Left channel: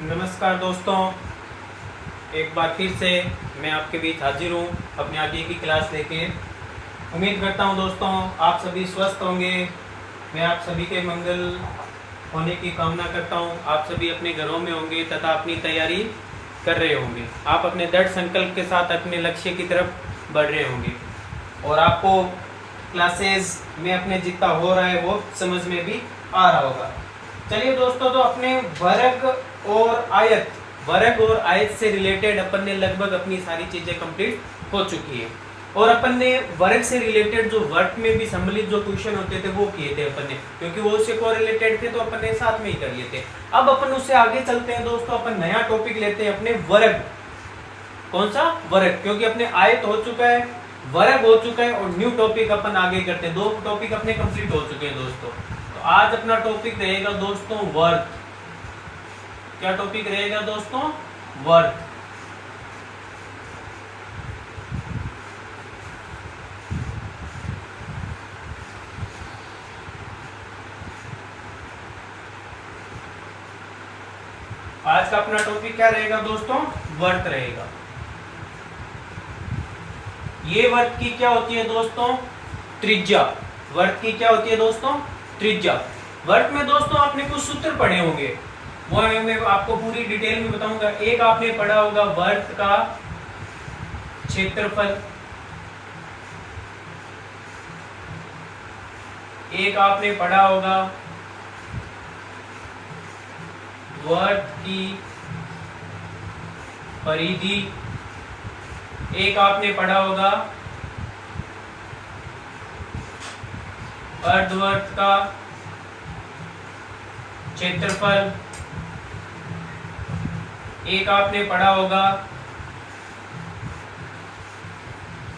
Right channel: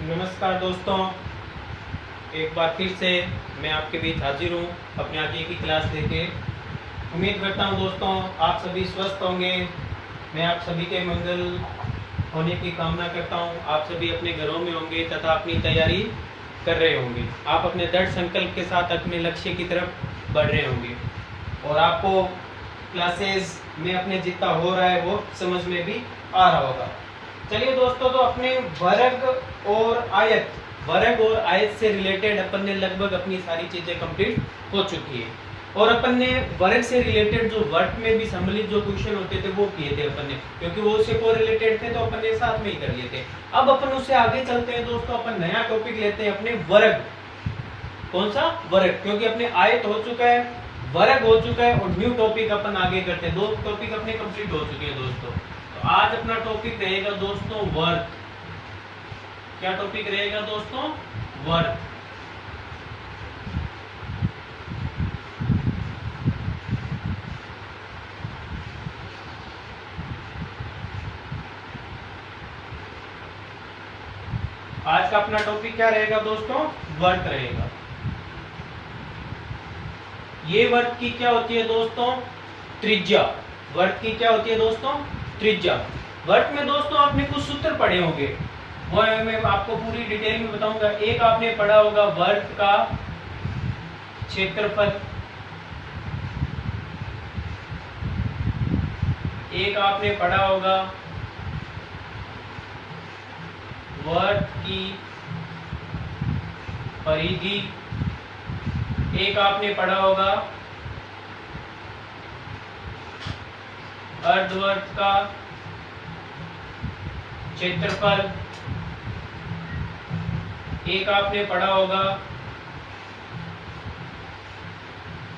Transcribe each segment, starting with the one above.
नमस्कार दोस्तों, एक बार फिर से मैं आपके बीच हाजिर हूँ अपने आगे की क्लास लेके। उम्मीद करता हूँ दोस्तों आप सभी स्वस्थ होंगे। मैं आप सभी के मंगल होने की कामना करता हूँ। आप सभी अपने घरों में होंगे तथा अपनी तैयारी कर रहे होंगे। आप अपने दृढ़ संकल्प के साथ अपने लक्ष्य की तरफ बढ़ रहे होंगे और आपको क्लासेस में अपने जितना हो रहा है वो समझ में भी आ रहा होगा। चलिए दोस्तों, तो अपने वर्ग और आयत से रिलेटेड अपन ने लगभग अपनी सारी चीजें कंप्लीट हो चुकी है और अपन ने वर्ग से रिलेटेड जो वर्ग में भी सम्मिलित जो क्वेश्चन होते थे वो किए थे अपन ने, क्योंकि वो उससे कोरिलेटेड थे तो अपन ने साथ में ही कर लिए थे। अब अपन उससे आगे चलते हैं दोस्तों, अपन नया टॉपिक लेते हैं अपने वर्ग। कौन सा? वर्ग, क्योंकि अपने आयत हो चुका है, वर्ग हो चुका है और न्यू टॉपिक अपन आगे करते हैं। 2 टॉपिक अपने कंप्लीट हो चुके हैं दोस्तों। तो आज अपना टॉपिक रहेगा दोस्तों वर्ग। क्या टॉपिक रहेगा दोस्तों? वर्ग। आज का अपना टॉपिक क्या रहेगा दोस्तों? वर्ग रहेगा। ये वर्ग की क्या होती है दोस्तों? त्रिज्या। वर्ग की क्या होती है दोस्तों? त्रिज्या। वर्ग में दोस्तों आपने कुछ सूत्र पढ़े होंगे, वो मैं आपको पूरी डिटेल में बताऊंगा। एक आपने पढ़ा होगा वर्ग का क्षेत्रफल, एक आपने पढ़ा होगा वर्ग की परिधि, एक आपने पढ़ा होगा अर्धवर्ग का क्षेत्रफल, एक आपने पढ़ा होगा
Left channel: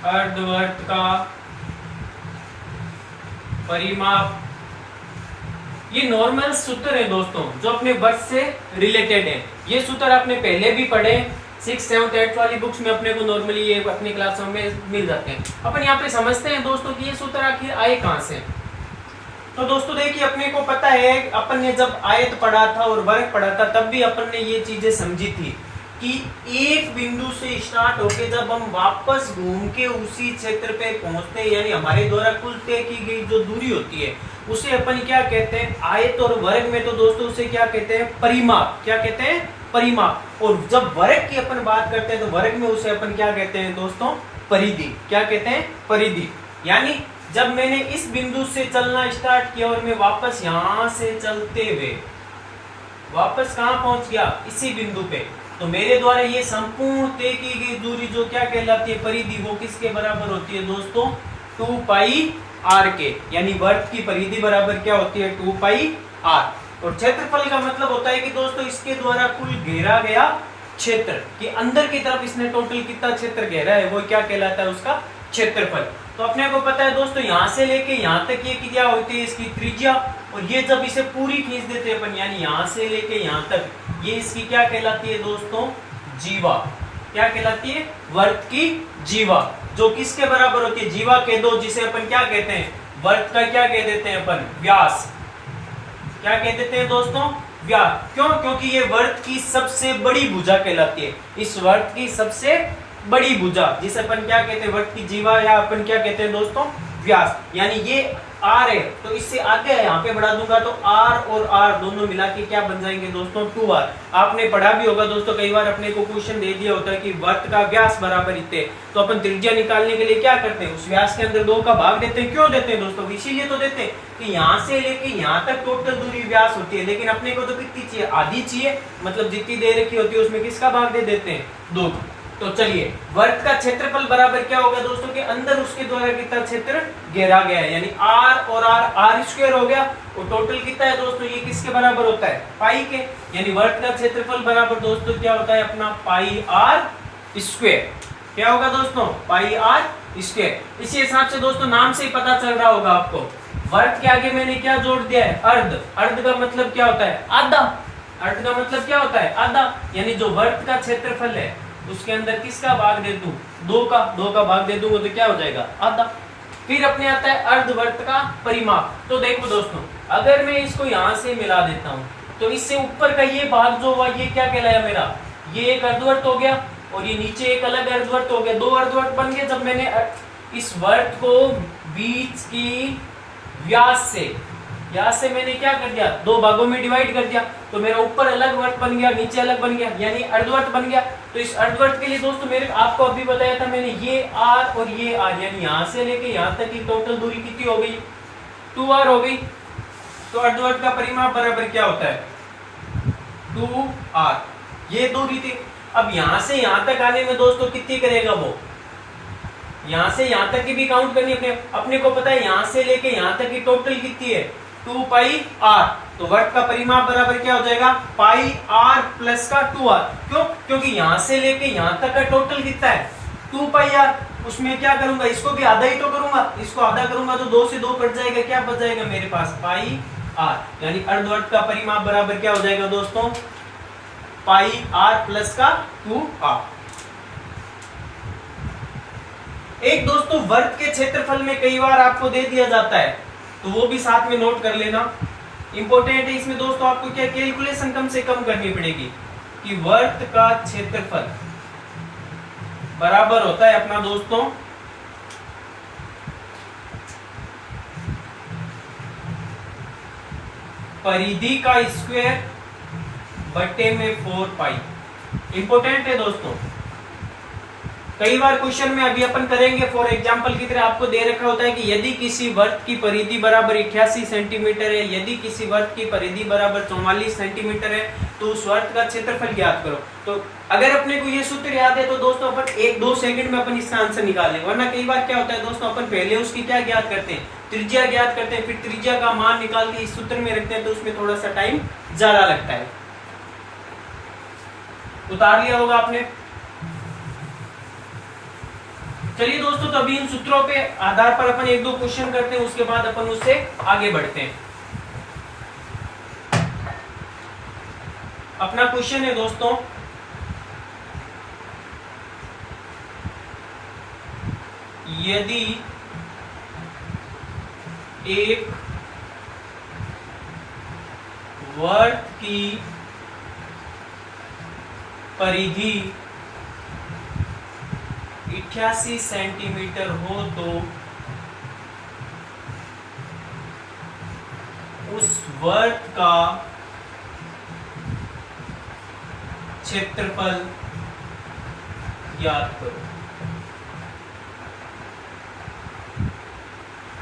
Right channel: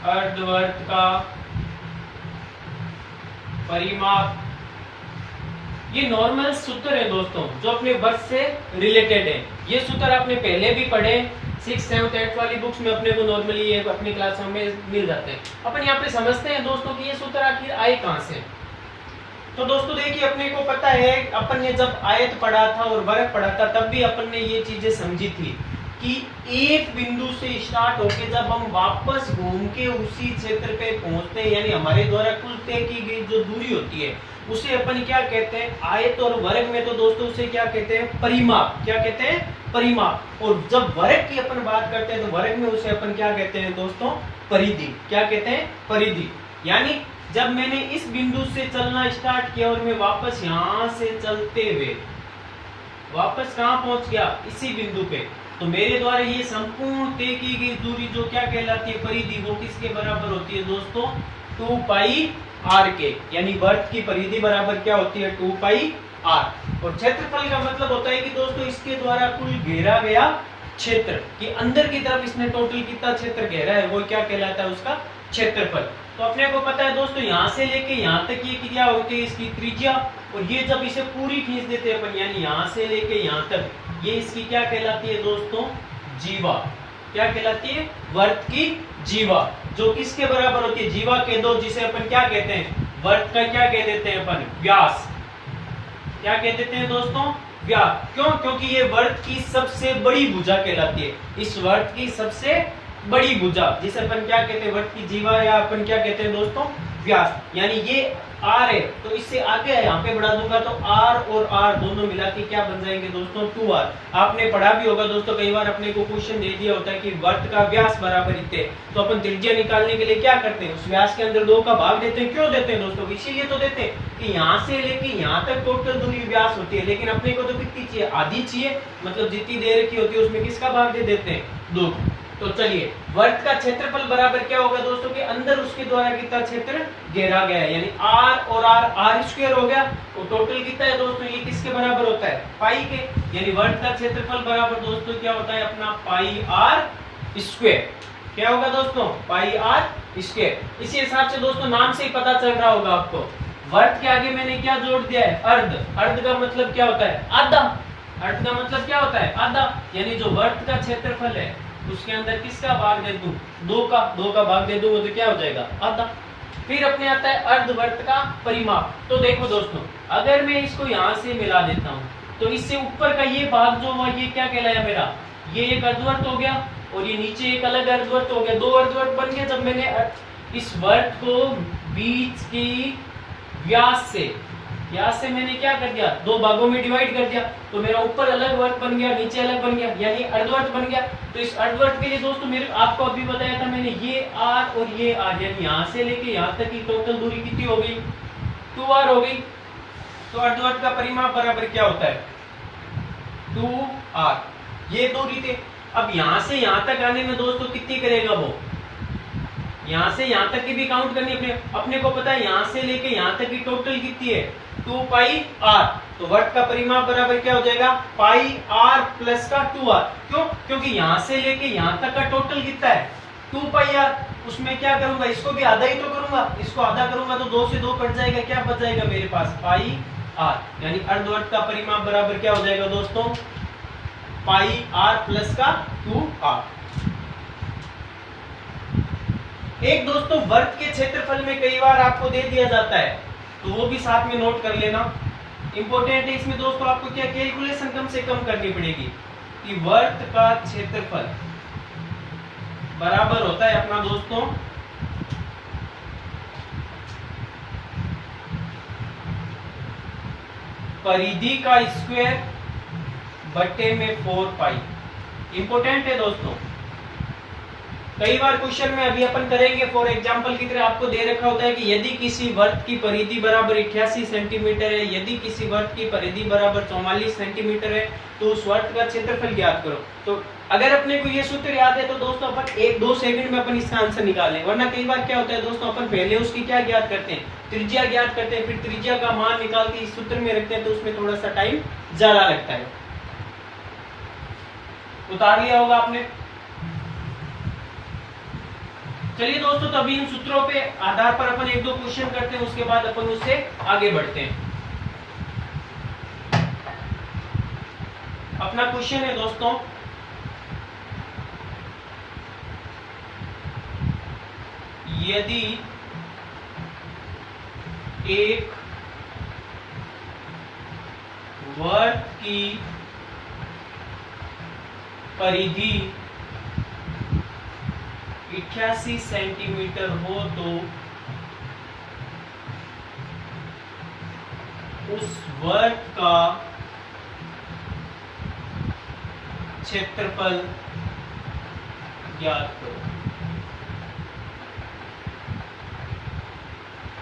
अर्धवर्ग का परिमाप। ये नॉर्मल सूत्र है दोस्तों जो अपने वर्ग से रिलेटेड है। ये सूत्र आपने पहले भी पढ़े, 6, 7, 8 वाली बुक्स में अपने को नॉर्मली ये अपनी क्लासों में मिल जाते हैं। अपन यहाँ पे समझते हैं दोस्तों कि ये सूत्र आखिर आए कहाँ से। तो दोस्तों देखिए, अपने को पता है अपन ने जब आयत पढ़ा था और वर्ग पढ़ा था तब भी अपन ने ये चीजें समझी थी कि एक बिंदु से स्टार्ट होके जब हम वापस घूम के उसी क्षेत्र पे पहुंचते हैं, यानी हमारे द्वारा कुल तय की गई जो दूरी होती है उसे अपन क्या कहते हैं? आयत। और वर्ग में तो दोस्तों उसे क्या कहते हैं? परिमाप। क्या कहते हैं? परिमाप। और जब वर्ग की अपन बात करते हैं तो वर्ग में उसे अपन क्या कहते हैं दोस्तों? परिधि। क्या कहते हैं? परिधि। यानी जब मैंने इस बिंदु से चलना स्टार्ट किया और मैं वापस यहां से चलते हुए वापस कहां पहुंच गया? इसी बिंदु पे, तो मेरे द्वारा ये संपूर्ण तय की गई दूरी जो क्या कहलाती है? परिधि, वो किसके बराबर होती है दोस्तों? 2 पाई r के। यानी वर्ग की परिधि बराबर क्या होती है? 2 पाई r। और क्षेत्रफल का मतलब होता है कि दोस्तों इसके द्वारा कुल घेरा गया क्षेत्र कि अंदर की तरफ इसने टोटल कितना क्षेत्र घेरा है वो क्या कहलाता है? उसका क्षेत्रफल। तो अपने को पता है दोस्तों यहाँ से लेके यहाँ तक ये क्या होती है? इसकी त्रिज्या। और ये जब इसे पूरी खींच देते हैं अपन, यानी यहाँ से लेके यहाँ तक, ये इसकी क्या कहलाती है दोस्तों? जीवा। क्या कहलाती है? वर्ग की जीवा, जो किसके बराबर होती है? जीवा के 2, जिसे अपन क्या कहते हैं? वर्ग का क्या कह देते हैं अपन? व्यास। क्या कह देते हैं दोस्तों? व्यास। क्यों? क्योंकि ये वर्ग की सबसे बड़ी भुजा कहलाती है। इस वर्ग की सबसे बड़ी भुजा जिसे अपन क्या कहते हैं? वर्ग की जीवा, या अपन क्या कहते हैं दोस्तों? व्यास। यानी ये r है तो इससे आगे यहाँ पे बढ़ा दूंगा तो r और r दोनों मिला के क्या बन जाएंगे दोस्तों? 2r। आपने पढ़ा भी होगा दोस्तों, कई बार अपने को क्वेश्चन दे दिया होता है कि वर्ग का व्यास बराबर इतने, तो अपन त्रिज्या निकालने के लिए क्या करते हैं? उस व्यास के अंदर 2 का भाग देते हैं। क्यों देते हैं दोस्तों? इसीलिए तो देते हैं कि यहाँ से लेके यहाँ तक टोटल दूरी व्यास होती है, लेकिन अपने को तो कितनी चाहिए? आधी चाहिए। मतलब जितनी दे रखी होती है उसमें किसका भाग दे देते हैं? 2। तो चलिए, वर्ग का क्षेत्रफल बराबर क्या होगा दोस्तों? के अंदर उसके द्वारा कितना क्षेत्र घेरा गया है, यानी r और r स्क्वायर हो गया। और टोटल कितना है दोस्तों? ये किसके बराबर होता है? पाई के। यानी वर्ग का क्षेत्रफल बराबर दोस्तों क्या होता है अपना? पाई r स्क्वायर। क्या होगा दोस्तों? पाई r स्क्वायर। इसी हिसाब से दोस्तों नाम से ही पता चल रहा होगा आपको, वर्ग के आगे मैंने क्या जोड़ दिया है? अर्ध। अर्ध का मतलब क्या होता है? आधा। अर्ध का मतलब क्या होता है? आधा। यानी जो वर्ग का क्षेत्रफल है उसके अंदर किसका भाग दे दूं? 2 का भाग दे दूंगा तो क्या हो जाएगा? आधा। फिर अपने आता है अर्धवर्त का परिमाप। तो देखो दोस्तों, अगर मैं इसको यहां से मिला देता हूं तो इससे ऊपर का ये भाग जो हुआ ये क्या कहलाया मेरा, ये एक अर्धवर्त हो गया और ये नीचे एक अलग अर्धवर्त हो गया, दो अर्धवर्त बन गए। जब मैंने इस वर्त को बीच की व्यास से मैंने क्या कर दिया, दो भागों में डिवाइड कर दिया, तो मेरा ऊपर अलग वर्त बन गया, नीचे अलग बन गया, यानी अर्धवर्त बन गया। तो इस अर्धवर्त के लिए दोस्तों मेरे आपको अभी बताया था मैंने, ये आर और ये आर, यानी यहां से लेके यहां तक की टोटल दूरी कितनी हो गई, 2r हो गई। तो अर्धवर्त का परिमाप बराबर क्या होता है, 2r, ये दूरी थी। अब यहां से यहां तक आने में दोस्तों कितनी करेगा वो, यहां से यहां तक की भी काउंट करनी अपने को पता है, यहां से लेके यहां तक की टोटल कितनी है, 2πr। तो वर्त का परिमाप बराबर क्या हो जाएगा, πr प्लस का 2r। क्यों, क्योंकि यहां से लेके यहां तक का टोटल कितना है, 2πr। उसमें क्या करूंगा, इसको भी आधा ही तो करूंगा, इसको आधा करूंगा तो 2 से 2 कट जाएगा, क्या बच जाएगा मेरे पास, πr। यानी अर्धवर्त का परिमाप बराबर क्या हो जाएगा दोस्तों, πr प्लस का 2r। एक दोस्तों वर्त के क्षेत्रफल में कई बार आपको दे दिया जाता है, तो वो भी साथ में नोट कर लेना, इंपॉर्टेंट है। इसमें दोस्तों आपको क्या कैलकुलेशन कम से कम करनी पड़ेगी कि वर्त का क्षेत्रफल बराबर होता है अपना दोस्तों परिधि का स्क्वायर बट्टे में 4π। इंपॉर्टेंट है दोस्तों, कई बार क्वेश्चन में अभी अपन करेंगे, फॉर एग्जांपल की तरह आपको दे रखा होता है कि यदि किसी वर्त की परिधि बराबर 88 सेंटीमीटर है, यदि किसी वर्त की परिधि बराबर 44 सेंटीमीटर है, तो उस वर्त का क्षेत्रफल ज्ञात करो। तो अगर अपने को ये सूत्र याद है तो दोस्तों अपन 1-2 सेकंड में अपन इसका आंसर निकाल लें, वरना कई बार क्या होता है दोस्तों, अपन पहले उसकी क्या ज्ञात करते हैं, त्रिज्या ज्ञात करते हैं, फिर त्रिज्या का मान निकाल के इस सूत्र में रखते हैं, तो उसमें थोड़ा सा टाइम ज्यादा लगता है। उतार लिया होगा आपने। चलिए दोस्तों, तो अभी इन सूत्रों पे आधार पर अपन 1-2 क्वेश्चन करते हैं, उसके बाद अपन उससे आगे बढ़ते हैं। अपना क्वेश्चन है दोस्तों, यदि एक वर्त की परिधि 88 सेंटीमीटर हो तो उस वर्त का क्षेत्रफल ज्ञात करो।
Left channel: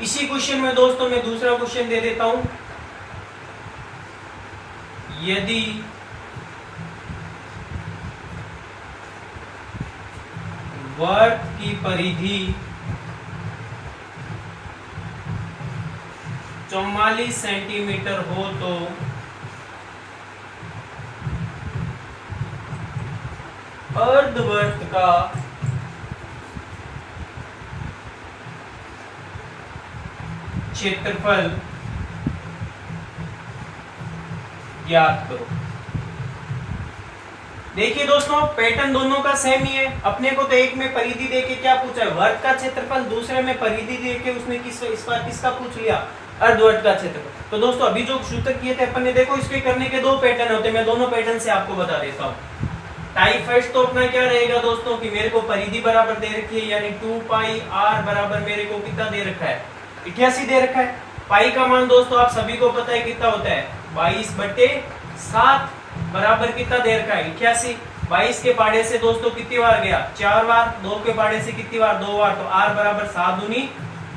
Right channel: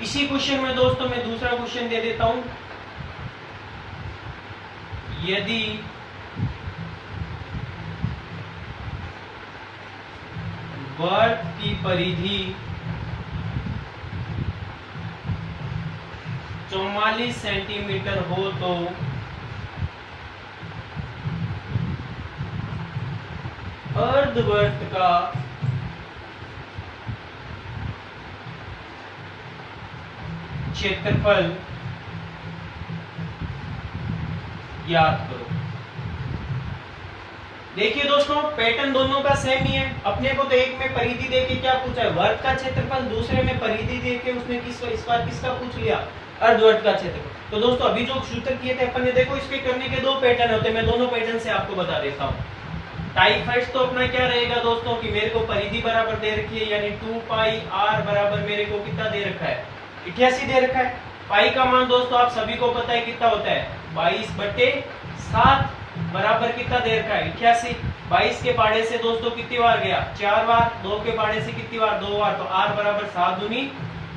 इसी क्वेश्चन में दोस्तों मैं दूसरा क्वेश्चन दे देता हूं, यदि वर्त की परिधि 44 सेंटीमीटर हो तो अर्धवर्त का क्षेत्रफल ज्ञात करो। देखिए दोस्तों, पैटर्न दोनों का सेम ही है। अपने को तो एक में परिधि देके क्या पूछा है, वर्त का क्षेत्रफल, दूसरे में परिधि देके उसने इस बार किसका पूछ लिया, अर्धवर्त का क्षेत्रफल। तो दोस्तों अभी जो सूत्र किए थे अपन ने, देखो इसके करने के 2 पैटर्न होते हैं, मैं दोनों पैटर्न से आपको बता देता हूँ। टाइप फर्स्ट तो अपना क्या रहेगा दोस्तों कि मेरे को परिधि बराबर दे रखी है, यानी 2πr बराबर मेरे को कितना दे रखा है, 88 दे रखा है। पाई का मान दोस्तों आप सभी को पता है कितना होता है, 22/7 बराबर कितना दे रखा है, 88। 22 के पाड़े से दोस्तों कितनी बार गया, 4 बार। 2 के पाड़े से कितनी बार, 2 बार। तो r बराबर 7 दूनी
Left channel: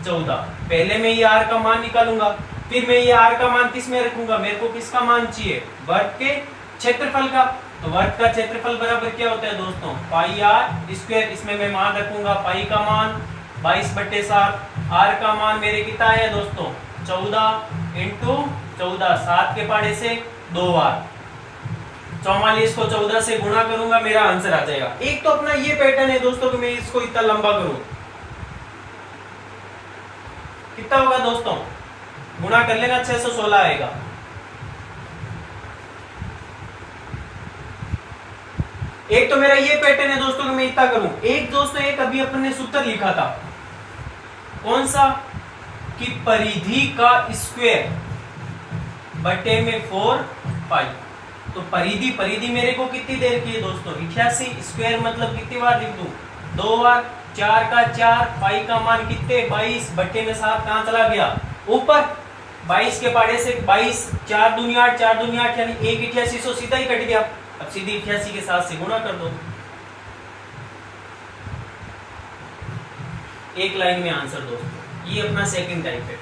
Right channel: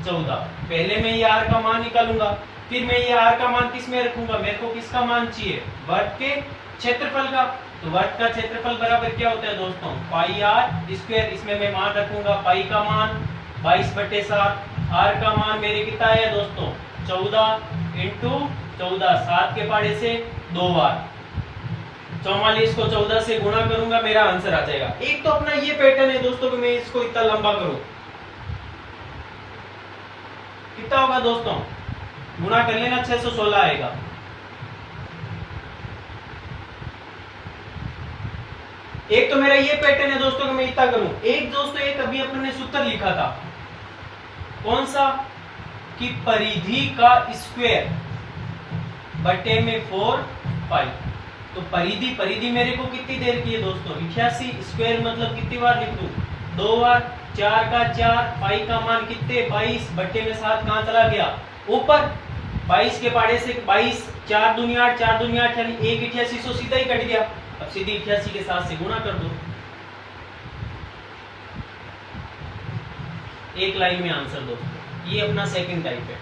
14। पहले मैं ये r का मान निकालूंगा, फिर मैं ये r का मान किस में रखूंगा, मेरे को किसका मान चाहिए, वर्त के क्षेत्रफल का। तो वर्त का क्षेत्रफल बराबर क्या होता है दोस्तों, πr²। इसमें मैं मान रखूंगा पाई का मान 22/7, r का मान मेरे कितना है दोस्तों, 14 इंटू 14, 7 के पाड़े से 2 बार, 44 को 14 से गुणा करूंगा, मेरा आंसर आ जाएगा। एक तो अपना ये पैटर्न है दोस्तों कि मैं इसको इतना लंबा करूं, कितना होगा दोस्तों, गुणा कर लेना, 616 आएगा। एक तो मेरा ये पैटर्न है दोस्तों कि मैं इतना करूं। एक दोस्तों एक अभी अपन ने सूत्र लिखा था, कौन सा, कि परिधि का स्क्वायर बटे में 4π। पाई। तो परिधि परिधि मेरे को कितनी देर की है दोस्तों 88, स्क्वायर मतलब कितनी बार लिख दूं 2 बार, 4 का 4, पाई का मान कितने 22 बट्टे में 7 कहां चला गया ऊपर, 22 के पाड़े से 22, 4 दूनी 8, 4 दूनी 8 यानी 188 सीधा ही कट गया। अब सीधी 88 के 7 से गुणा कर दो, एक लाइन में आंसर दोस्तों। ये अपना सेकंड टाइप है,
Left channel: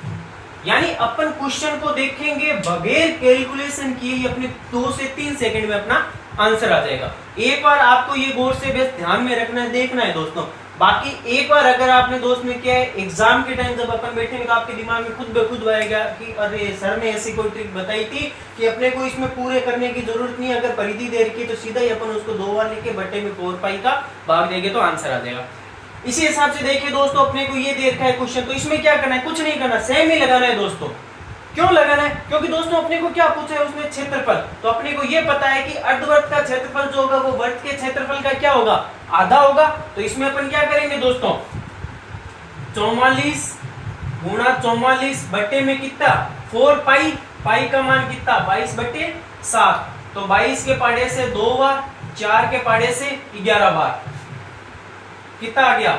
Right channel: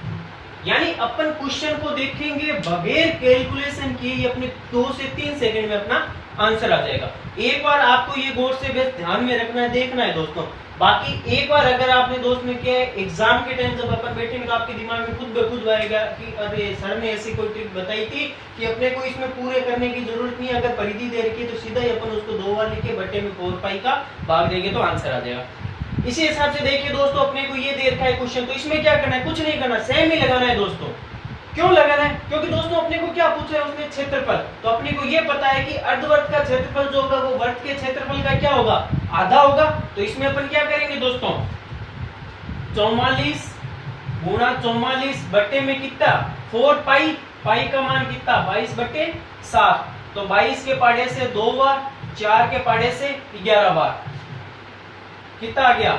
यानी अपन क्वेश्चन को देखेंगे बगैर कैलकुलेशन किए ही अपने 2 से 3 सेकंड में अपना आंसर आ जाएगा। एक बार आपको ये गौर से बेस ध्यान में रखना है, देखना है दोस्तों। बाकी एक बार अगर आपने दोस्त में क्या है एग्जाम के टाइम जब अपन बैठेंगे तो आपके दिमाग में खुद ब खुद आएगा कि अरे सर ने ऐसी कोई ट्रिक बताई थी कि अपने को इसमें पूरे करने की जरूरत नहीं, अगर परिधि दे रखी है तो सीधा ही अपन उसको 2 बार लिख के बट्टे में 4 पाई का भाग देंगे तो आंसर आ जाएगा। इसी हिसाब से देखिए दोस्तों, अपने को ये दे रखा है क्वेश्चन, तो इसमें क्या करना है, कुछ नहीं करना, सेम ही लगाना है दोस्तों। क्यों लगाना है, क्योंकि दोस्तों अपने को क्या पूछा है उसमें क्षेत्रफल, तो अपने को ये पता है कि अर्धवर्त का क्षेत्रफल जो होगा वो वर्त के क्षेत्रफल का क्या होगा आधा होगा। तो इसमें अपन क्या करेंगे दोस्तों 44 गुणा 44 बट्टे में कितना 4 पाई, पाई का मान कितना 22 बट्टे 7, तो 22 के पाड़े से 2 बार, 4 के पाड़े से 11 बार, कितना आ गया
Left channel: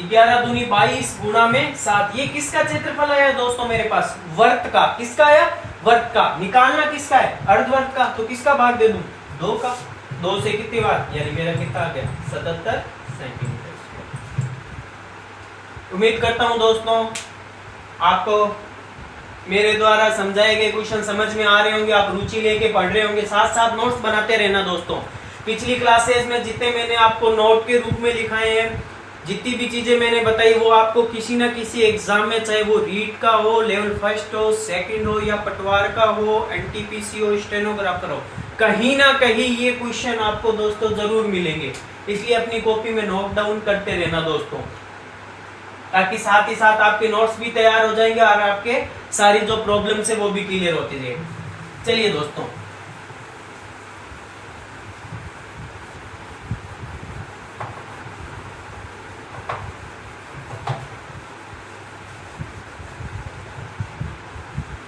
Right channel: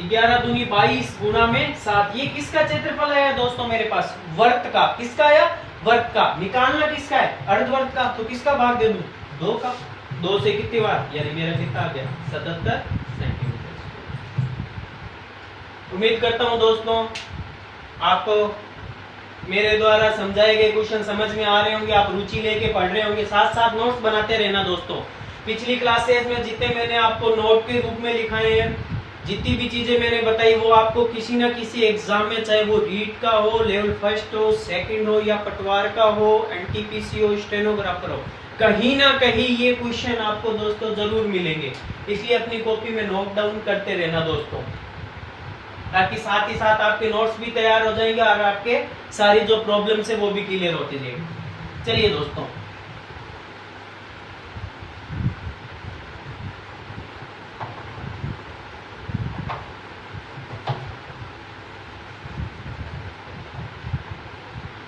11 दूनी 22 गुणा में 7। ये किसका क्षेत्रफल है दोस्तों मेरे पास वर्त का, किसका आया वर्त का, निकालना किसका है अर्धवर्त का, तो किसका भाग दे दूं 2 का, 2 से कितनी बार यानी मेरा कितना आ गया 77 सेंटीमीटर। उम्मीद करता हूं दोस्तों आपको मेरे द्वारा समझाए गए क्वेश्चन समझ में आ रहे होंगे, आप रुचि लेके पढ़ रहे होंगे, साथ साथ नोट्स बनाते रहना दोस्तों। पिछली क्लासेस में जितने मैंने आपको नोट के रूप में लिखाए हैं, जितनी भी चीजें मैंने बताई वो आपको किसी ना किसी एग्जाम में, चाहे वो रीट का हो, लेवल फर्स्ट हो, सेकंड हो, या पटवार का हो, एनटीपीसी हो, स्टेनोग्राफर हो, कहीं ना कहीं ये क्वेश्चन आपको दोस्तों जरूर मिलेंगे। इसलिए अपनी कॉपी में नोट डाउन करते रहना दोस्तों, ताकि साथ ही साथ आपके नोट्स भी तैयार हो जाएंगे और आपके सारी जो प्रॉब्लम्स है वो भी क्लियर होती जाएगी। चलिए दोस्तों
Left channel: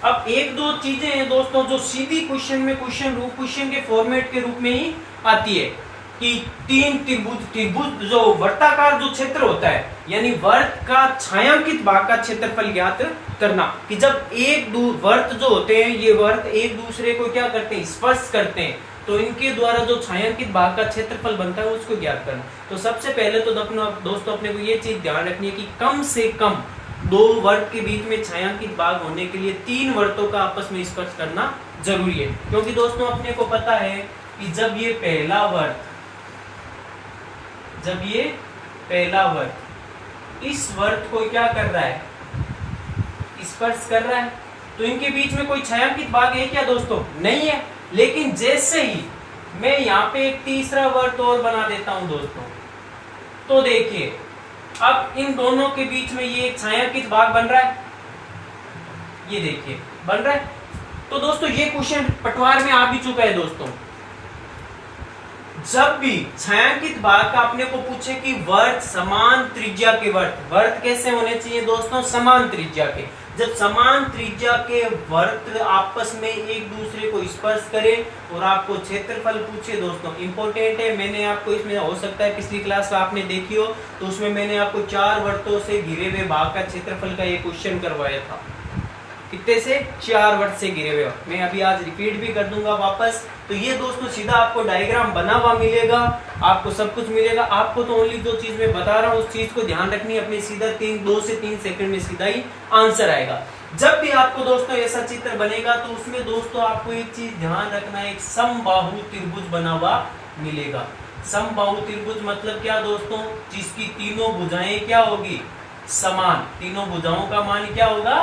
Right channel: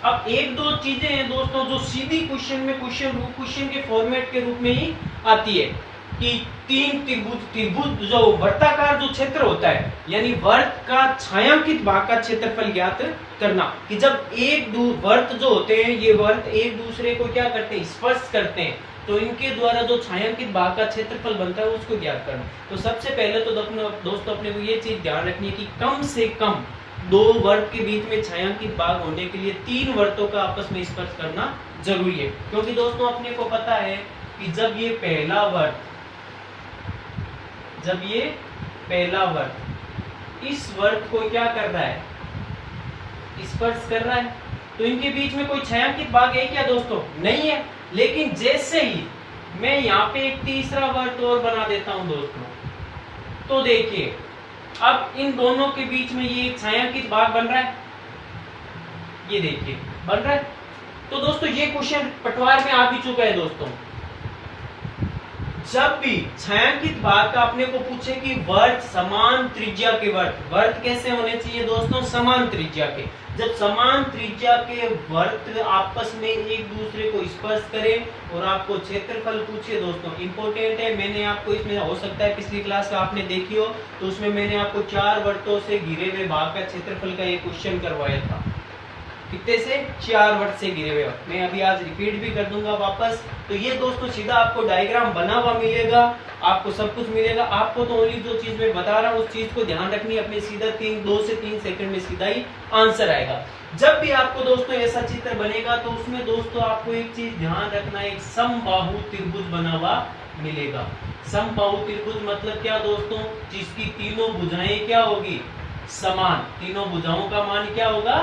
अब एक दो चीजें हैं दोस्तों जो सीधी क्वेश्चन में क्वेश्चन के फॉर्मेट के रूप में ही आती है कि 3 त्रिभुज जो वर्ताकार जो क्षेत्र होता है यानी वर्त का छायांकित भाग का क्षेत्रफल ज्ञात करना, कि जब एक वर्त जो होते हैं ये वर्त एक दूसरे को क्या करते हैं स्पर्श करते हैं, तो इनके द्वारा जो छायांकित भाग का क्षेत्रफल बनता है उसको ज्ञात करना। तो सबसे पहले तो दोस्तों अपने को ये चीज ध्यान रखनी है कि कम से कम 2 वर्त के बीच में छायांकित भाग होने के लिए 3 वर्तों का आपस में स्पर्श करना जरूरी है, क्योंकि दोस्तों अपने को पता है कि जब ये पहला वर्त इस वर्त को क्या कर रहा है स्पर्श कर रहा है, तो इनके बीच में कोई छायांकित भाग है क्या दोस्तों नहीं है। लेकिन जैसे ही मैं यहाँ पे एक तीसरा वर्त और बना देता हूं दोस्तों, तो देखिए अब इन दोनों के बीच में ये एक छायांकित भाग बन रहा है, ये देखिए बन रहा है। तो दोस्तों ये क्वेश्चन पटवार में आ भी चुका है दोस्तों। जब भी छायांकित भाग का अपने को पूछे कि वर्त समान त्रिज्या के वर्त कैसे होने चाहिए दोस्तों समान त्रिज्या के, जब समान त्रिज्या के वर्त आपस में एक दूसरे को स्पर्श करें और आपको क्षेत्रफल पूछे दोस्तों इंपॉर्टेंट है। मैंने आपको इसमें हो सकता है पिछली क्लास आपने देखी हो तो उसमें मैंने आपको 4 वर्तों से घिरे हुए भाग का क्षेत्रफल का एक क्वेश्चन करवाया था, कितने से 4 वर्त से घिरे हुए। मैं अभी आज रिपीट भी कर दूंगा वापस। तो ये दोस्तों सीधा आपको डायग्राम बना हुआ मिलेगा, आपको सब कुछ मिलेगा। आपको तो ओनली जो चीज मैं बता रहा हूँ उस चीज को ध्यान रखनी है, अपने सीधा 2 से 3 सेकंड में सीधा ही आंसर आएगा। जब भी आपको दोस्तों ऐसा चित्र बनेगा तो उसमें दोस्तों आपको एक चीज ध्यान रखना है, एक समबाहु त्रिभुज बना हुआ मिलेगा। समबाहु त्रिभुज मतलब क्या दोस्तों, जिसकी तीनों भुजाएं क्या होगी समान, तीनों भुजाओं का मान क्या होगा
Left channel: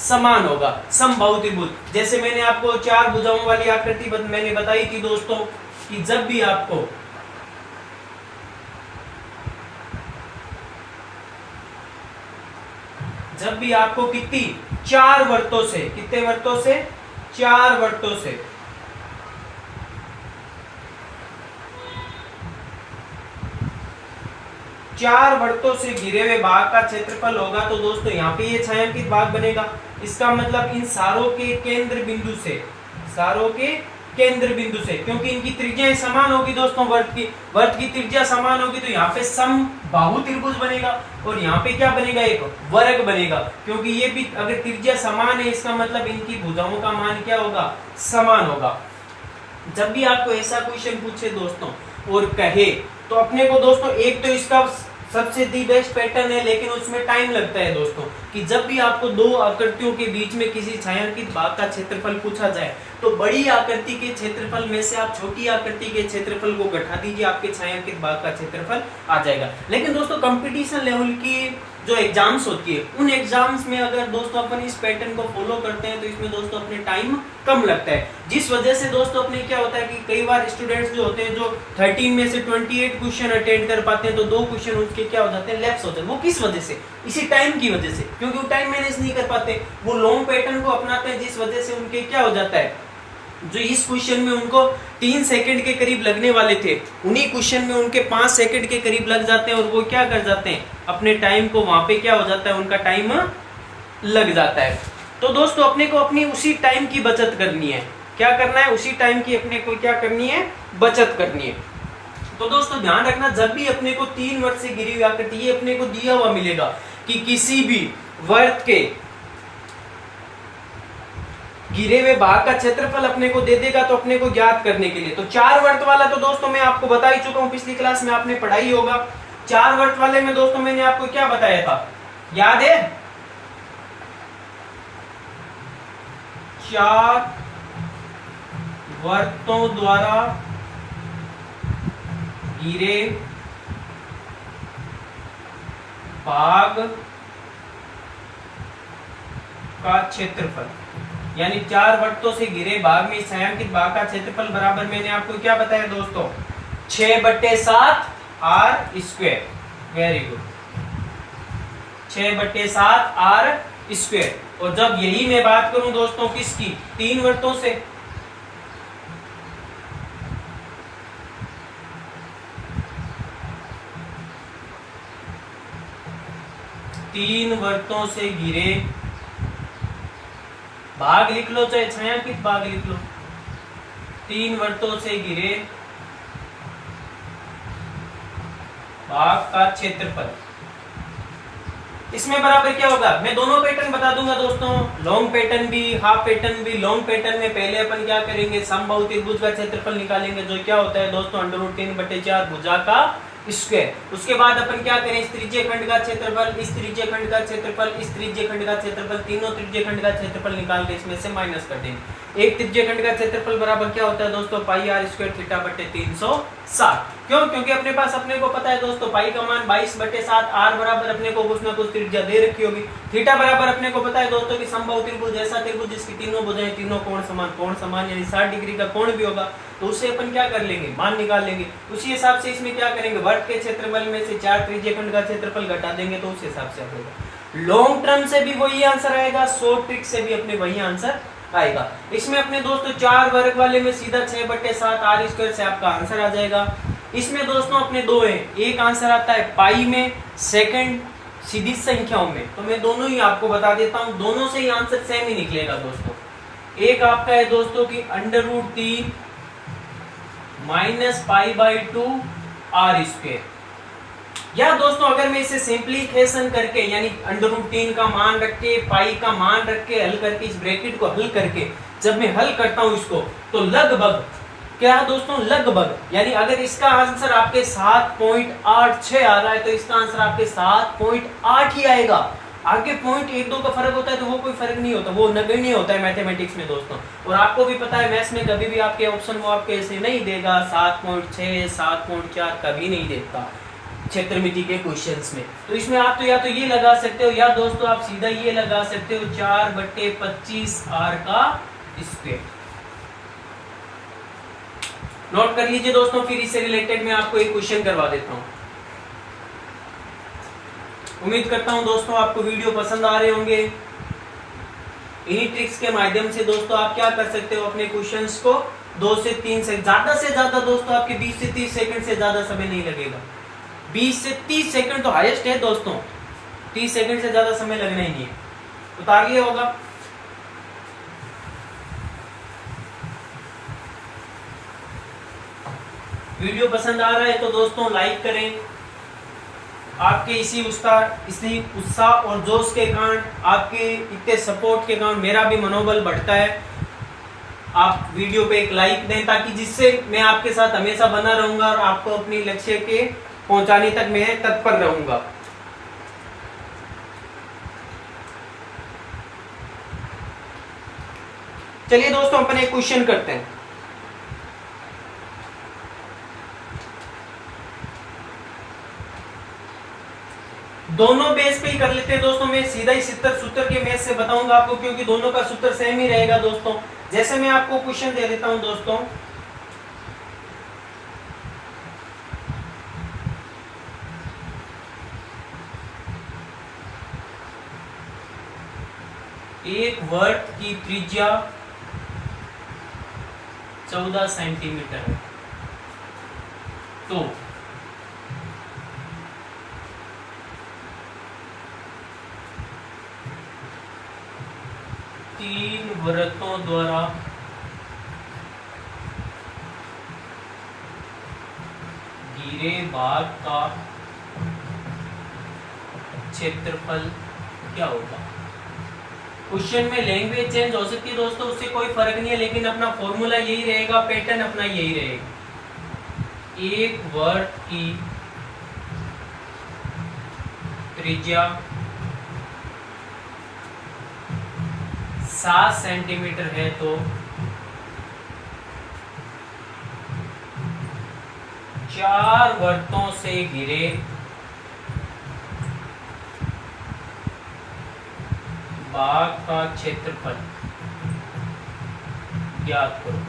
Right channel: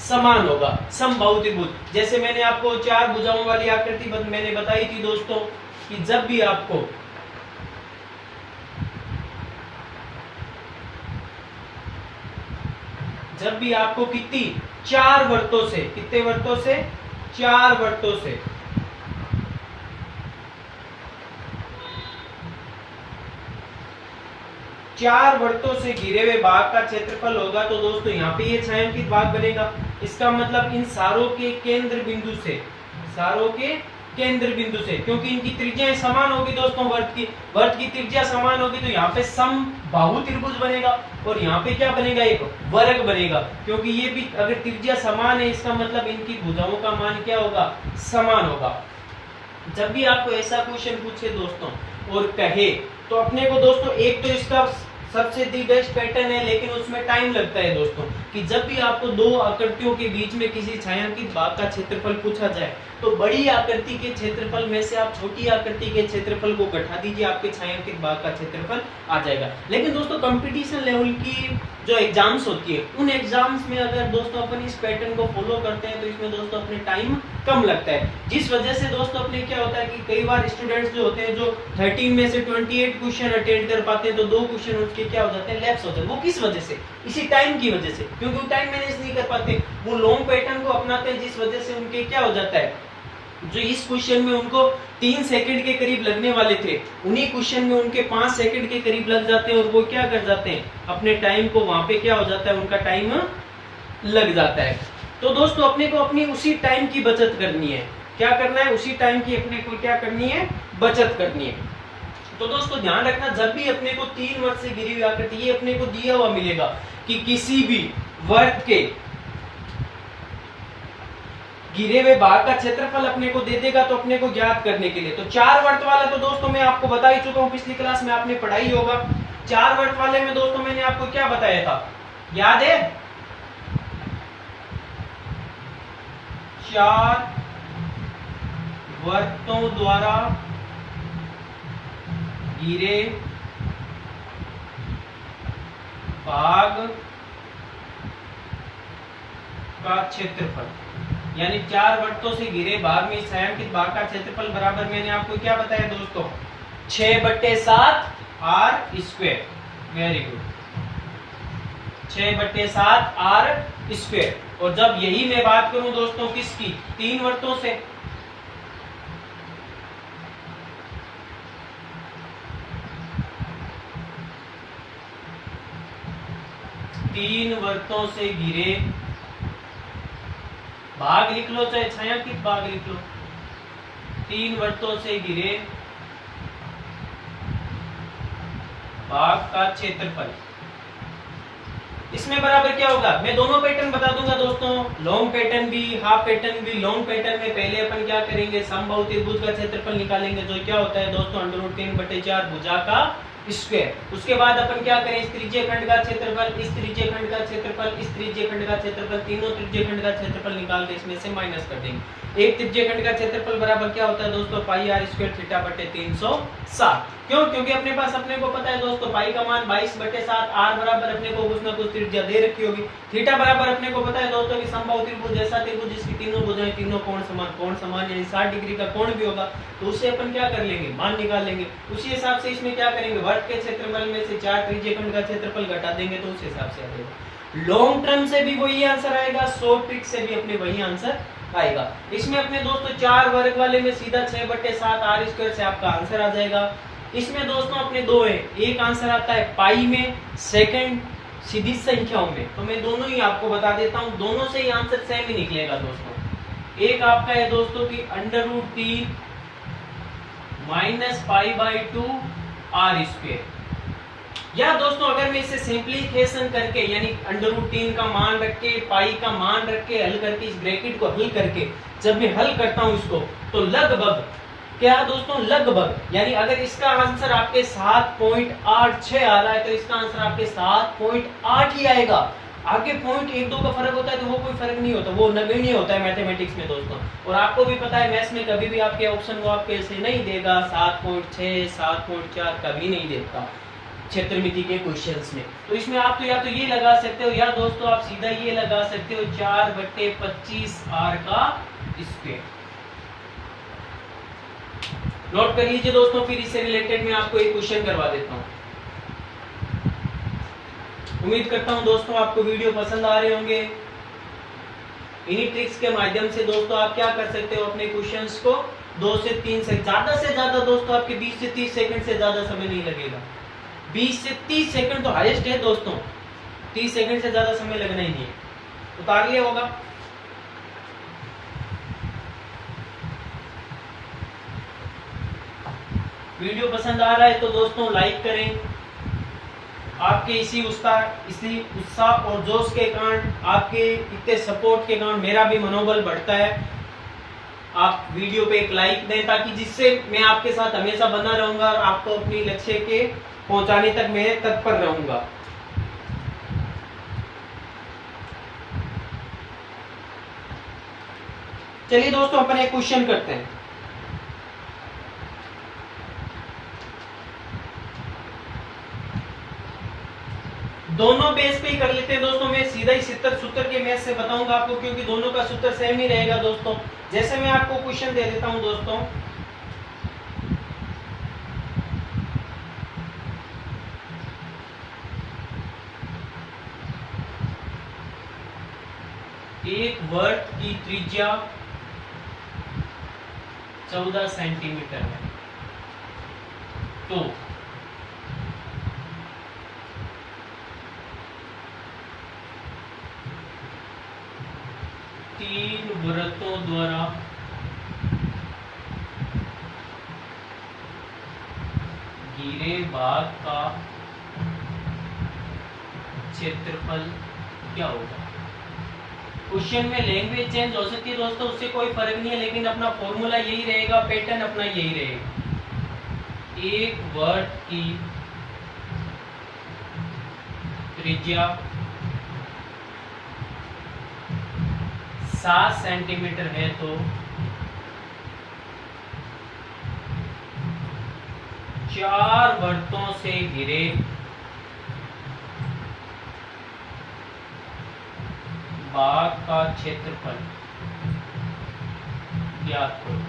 समान होगा, समबाहु त्रिभुज। जैसे मैंने आपको 4 भुजाओं वाली आकृति मैंने बताई थी दोस्तों कि जब भी आपको कितनी 4 वर्तों से, कितने वर्तों से 4 वर्तों से घिरे हुए भाग का क्षेत्रफल होगा, तो दोस्तों यहाँ पे ये छायांकित भाग बनेगा। इसका मतलब इन सारों के केंद्र बिंदु से, सारों के केंद्र बिंदु से, क्योंकि इनकी त्रिज्याएं समान होगी दोस्तों, वर्त की त्रिज्या समान होगी, तो यहाँ पे समबाहु त्रिभुज बनेगा और यहाँ पे क्या बनेगा, एक वर्ग बनेगा, क्योंकि ये भी अगर त्रिज्या समान है इसका मतलब इनकी भुजाओं का मान क्या होगा, समान होगा। जब भी आपको ऐसा क्वेश्चन पूछे दोस्तों और कहे तो अपने को दोस्तों एक तो इसका सबसे दी बेस्ट पैटर्न है, लेकिन उसमें टाइम लगता है दोस्तों, कि जब भी आपको दो आकृतियों के बीच में किसी छायांकित भाग का क्षेत्रफल पूछा जाए तो बड़ी आकृति के क्षेत्रफल में से आप छोटी आकृति के क्षेत्रफल को घटा दीजिए, आपके छायांकित भाग का क्षेत्रफल आ जाएगा। लेकिन दोस्तों कंपटीशन लेवल की जो एग्जाम्स होती है उन एग्जाम्स में अगर दोस्तों अपन इस पैटर्न को फॉलो करते हैं तो इसमें दोस्तों अपने टाइम कम लगता है, जिस वजह से दोस्तों अपने क्या होता है कि कई बार स्टूडेंट्स जो होते हैं जो 13 में से 28 क्वेश्चन अटेंड कर पाते हैं तो 2 क्वेश्चन उनके क्या हो जाते हैं, लैप्स होते हैं। वो किस वजह से, इसी टाइम की वजह से, क्योंकि वो टाइम मैनेज नहीं कर पाते, वो लॉन्ग पैटर्न को अपनाते हैं, जिस वजह से उनके क्या हो जाता है, जो इस क्वेश्चन में उनको 3 सेकंड के करीब लगने वाले थे उन्हीं क्वेश्चन में उनके 5 सेकंड के करीब लग जाते हैं और वो क्या कर जाते हैं, अपने टाइम को वहां पे क्या हो जाता है, उनका टाइम लग जाता है। तो दोस्तों अपने को अपनी उसी टाइम की बचत करनी है, क्या करना है, उसी टाइम की अपने को क्या करनी है, बचत करनी है। तो दोस्तों ध्यान रखना, जब भी अपने को 3 वर्ग से घिरी हुई आकृति, ये अपने को दिया हुआ मिलेगा कि किसी भी वर्ग के घिरे हुए भाग का क्षेत्रफल अपने को दे देगा, तो अपने को ज्ञात करने के लिए तो 4 वर्त वाला तो दोस्तों मैं आपको बता ही चुका हूं, पिछली क्लास में आपने पढ़ाई होगा। 4 वर्त वाले में दोस्तों मैंने आपको क्या बताया था, याद है, 4 वर्तों द्वारा घिरे भाग का क्षेत्रफल, यानी 4 वर्तों से घिरे भाग में छायांकित भाग का क्षेत्रफल बराबर मैंने आपको क्या बताया दोस्तों, 6/7 r square. Very good, 6/7 r square. और जब यही मैं बात करूं दोस्तों किसकी, 3 वर्तों से, तीन वर्तों से घिरे भाग लिख लो, चाहे छायांकित भाग लिख लो, 3 वर्तों से घिरे भाग का क्षेत्रफल, इसमें बराबर क्या होगा, मैं दोनों पैटर्न बता दूंगा दोस्तों, लॉन्ग पैटर्न भी, हाफ पैटर्न भी। लॉन्ग पैटर्न में पहले अपन क्या करेंगे, समबाहु त्रिभुज का क्षेत्रफल निकालेंगे, जो क्या होता है दोस्तों √3/4 भुजा का स्क्वायर। उसके बाद अपन क्या करें, इस त्रिज्य खंड का क्षेत्रफल, इस त्रिज्य खंड का क्षेत्रफल, इस त्रिज्य खंड का क्षेत्रफल, तीनों त्रिज्य खंड का क्षेत्रफल निकाल के इसमें से माइनस कर देंगे। एक त्रिज्य खंड का क्षेत्रफल बराबर क्या होता है दोस्तों, πr² θ/360। क्यों, क्योंकि अपने पास अपने को पता है दोस्तों पाई का मान 22/7, r बराबर अपने को कुछ ना कुछ त्रिज्या दे रखी होगी, थीटा बराबर अपने को पता है दोस्तों कि समबाहु त्रिभुज ऐसा त्रिभुज जिसकी तीनों भुजाएं, तीनों कोण समान यानी 60 डिग्री का कोण भी होगा, तो उससे अपन क्या कर लेंगे, मान निकाल लेंगे। उसी हिसाब से इसमें क्या करेंगे, वर्ग के क्षेत्रफल में से 4 त्रिज्य खंड का क्षेत्रफल घटा देंगे, तो उस हिसाब से आएगा। लॉन्ग टर्म से भी वही आंसर आएगा, शॉर्ट ट्रिक से भी अपने वही आंसर आएगा। इसमें अपने दोस्तों 4 वर्ग वाले में सीधा 6/7 r² से आपका आंसर आ जाएगा। इसमें दोस्तों अपने 2 है, एक आंसर आता है पाई में, सेकंड सीधी संख्याओं में, तो मैं दोनों ही आपको बता देता हूं, दोनों से ही आंसर सेम ही निकलेगा दोस्तों। एक आपका है दोस्तों की √3 - π/2 r², या दोस्तों अगर मैं इसे सिंप्लीफिकेशन करके यानी √3 का मान रख के, पाई का मान रख के हल करके, इस ब्रैकेट को हल करके जब मैं हल करता हूं इसको, तो लगभग क्या दोस्तों, लगभग यानी अगर इसका आंसर आपके 7.86 आ रहा है तो इसका आंसर आपके 7.8 ही आएगा। आगे 0.12 का फर्क होता है तो वो कोई फर्क नहीं होता, वो नगण्य होता है मैथमेटिक्स में दोस्तों। और आपको भी पता है मैथ्स में कभी भी आपके ऑप्शन वो आपके ऐसे नहीं देगा, 7.6 7.4 कभी नहीं देता क्षेत्रमिति के क्वेश्चंस में। तो इसमें आप तो या तो ये लगा सकते हो, या दोस्तों आप सीधा ये लगा सकते हो 4/25 r का स्क्वायर। नोट कर लीजिए दोस्तों, फिर इससे रिलेटेड मैं आपको एक क्वेश्चन करवा देता हूं। उम्मीद करता हूं दोस्तों आपको वीडियो पसंद आ रहे होंगे। इन्हीं ट्रिक्स के माध्यम से दोस्तों आप क्या कर सकते हो, अपने क्वेश्चंस को 2 से 3 से ज्यादा दोस्तों आपके 20 से 30 सेकंड से ज्यादा समय नहीं लगेगा। 20 से 30 सेकंड तो हाईएस्ट है दोस्तों, 30 सेकंड से ज्यादा समय लगना ही नहीं है। उतार लिया होगा। वीडियो पसंद आ रहा है तो दोस्तों लाइक करें। आपके इसी उत्साह और जोश के कारण, आपके इतने सपोर्ट के कारण मेरा भी मनोबल बढ़ता है। आप वीडियो पे एक लाइक दें ताकि जिससे मैं आपके साथ हमेशा बना रहूंगा और आपको अपनी लक्ष्य के पहुंचाने तक मैं तत्पर रहूंगा। चलिए दोस्तों अपन एक क्वेश्चन करते हैं। दोनों बेस पे ही कर लेते हैं दोस्तों। मैं सीधा ही सूत्र के मैथ से बताऊंगा आपको, क्योंकि दोनों का सूत्र सेम ही रहेगा दोस्तों। जैसे मैं आपको क्वेश्चन दे देता हूं दोस्तों, एक वर्त की त्रिज्या 14 सेंटीमीटर है, तो तीन वृत्तों द्वारा घिरे भाग का क्षेत्रफल क्या होगा। क्वेश्चन में लैंग्वेज चेंज हो सकती है दोस्तों, उससे कोई फर्क नहीं है, लेकिन अपना फॉर्मूला यही रहेगा, पैटर्न अपना यही रहेगा। एक वर्त की त्रिज्या 7 सेंटीमीटर है, तो 4 वर्तों से घिरे भाग का क्षेत्रफल ज्ञात करो।